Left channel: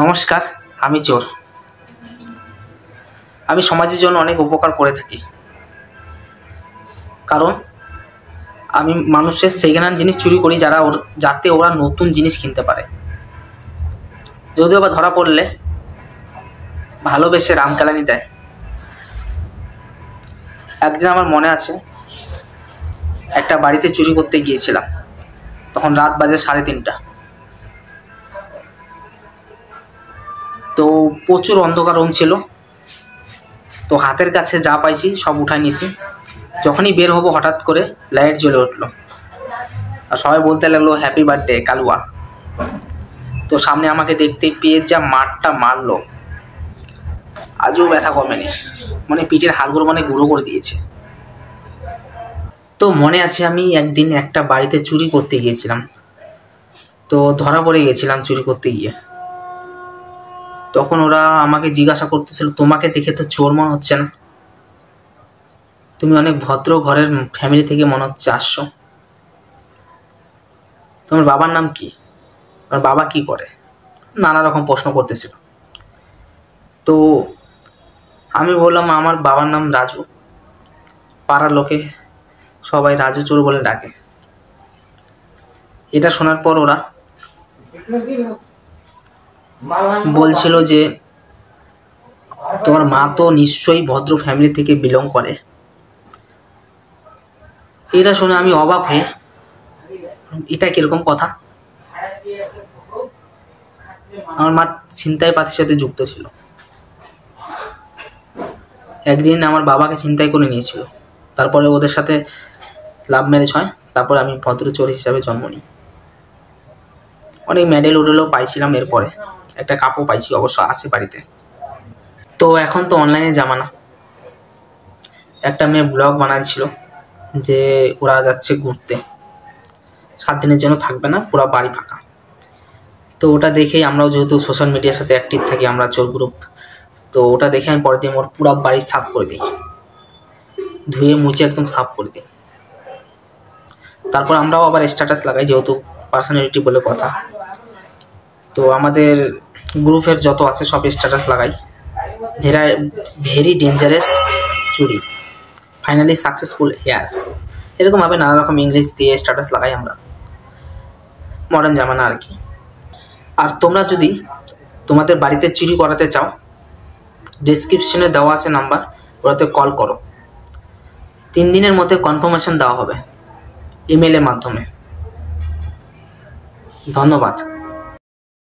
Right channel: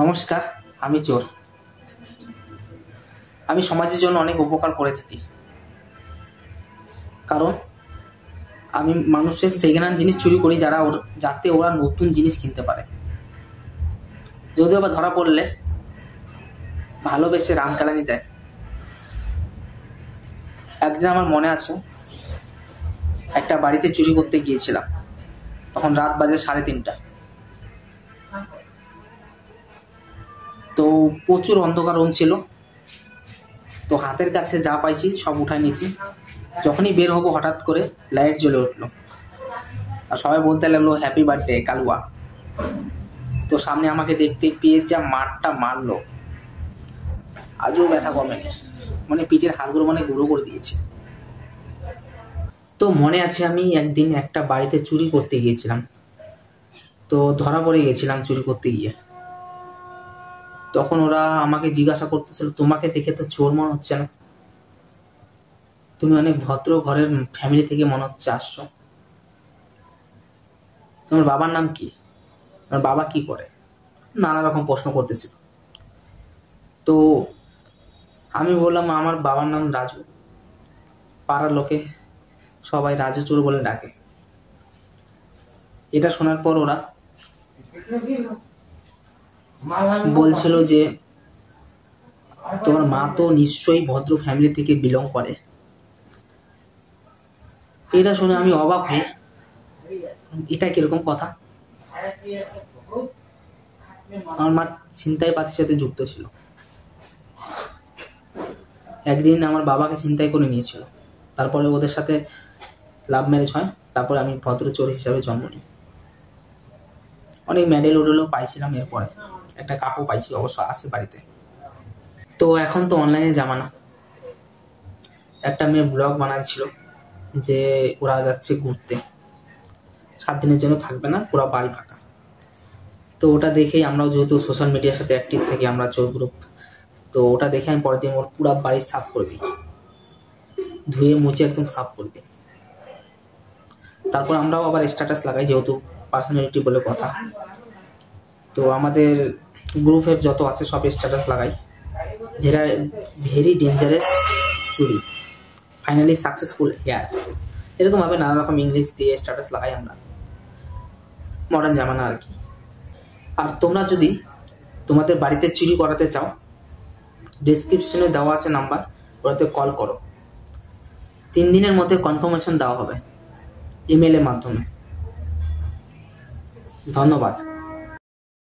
নমস্কার, আমি চোর। আমি সমাজের জন্য অনেক উপকার করে থাকি, কারণ আমি মানুষের সেকেন্ড হ্যান্ড জিনিস চুরি করি যাতে ওরা নতুন জিনিস কিনতে পারে। যদিও বা ধরা পড়লে ভালোবেসে রামকেলানি দেয়। একদিন আমার মনে আছে, একটা বাড়িতে চুরি করতে গিয়েছিলাম। তখন রাত বাজে 3:30। তো প্রচুর অন্ধকার রুম ছিল। তো হাতের কাছে যা পাইছি সব উঠাই নিয়েছি। যখনই বের হবো হঠাৎ করে লাইট জ্বলে উঠলো, আর সবাই বলতে লাগলো হ্যাপি বার্থডে কালুয়া। তো সামনে আমাকে দেখতে পেয়ে যা মারটা মারলো, আজও ব্যথা কমেনি। মানে পিঠের হাড়গুলো গুঁড়ো করে দিয়েছে। তো মনে আছে, আমি একদিন একটা বাড়িতে চুরি করতে গিয়েছিলাম। তো ধরা পড়ে গেছিলাম চুরি করতে গিয়ে। তখন ওরা আমাকে জিজ্ঞাসা করতেছিল, তোমাকে দেখে তো চোর মনে হচ্ছে না, তুমি অনেক ভদ্র ঘরের ফ্যামিলি থেকে মনে হচ্ছে আসছো। তোমার বাবার নাম কি, তোমার বাবা কি করে, নানা রকম প্রশ্ন করতেছিল। তো আমি বললাম আমার বাবার নাম রাজু, পাড়ার লোকে সবাই রাজু চোর বলে ডাকে। এটা শোনার পর ওরা বলছিল যে তোমার মা তো নিশ্চয়ই ভদ্র ফ্যামিলি থেকে বিলং করে। এটা শুনে আমি অবাক হয়ে, এটা কিরকম কথা। আমার মা ছিনতাই পাতির সাথে যুক্ত ছিল। একদিন আমার বাবাকে ছিনতাই করে নিয়েছিল। তারপরে ওদের সাথে লাভ ম্যারেজ হয়। তারপরে আমি ভদ্র চোর হিসাবে জন্ম নিই। অনেক মেডেল উডেলও পাইছিলাম। এরপরে একটা কাপও পাইছি, অবশ্য আছে বাড়িতে। তো এখন তো অনলাইনে জামানা। একটা মেয়ে ব্লগ বানাচ্ছিল যে ওরা যাচ্ছে ঘুরতে, 7 দিনের জন্য থাকবে না, পুরো বাড়ি ফাঁকা। তো ওটা দেখেই আমরাও যেহেতু সোশ্যাল মিডিয়ার সাথে অ্যাক্টিভ থাকি, আমরা চোর গ্রুপ, তো ওটা দেখে আমি পরের দিন ওর পুরো বাড়ি সাফ করে দিই, ধুয়ে মুছে একদম সাফ করে দিই। তারপর আমরাও আবার স্ট্যাটাস লাগাই, যেহেতু পার্সোনালিটি বলে কথা। তো আমাদের গ্রুপের যত আছে সব স্ট্যাটাস লাগাই, ভেরি ডেঞ্জারাস চুরি, ফাইনালি সাকসেসফুল হেয়ার, এরকমভাবে নানা রকম ইংলিশ দিয়ে স্ট্যাটাস লাগাই আমরা। মডার্ন জামানা আর কি। আর তোমরা যদি তোমাদের বাড়িতে চুরি করাতে চাও, ডেসক্রিপশনে দেওয়া আছে নাম্বার, ওটাতে কল করো। 3 দিনের মধ্যে কনফার্মেশন দেওয়া হবে ইমেলের মাধ্যমে। ধন্যবাদ।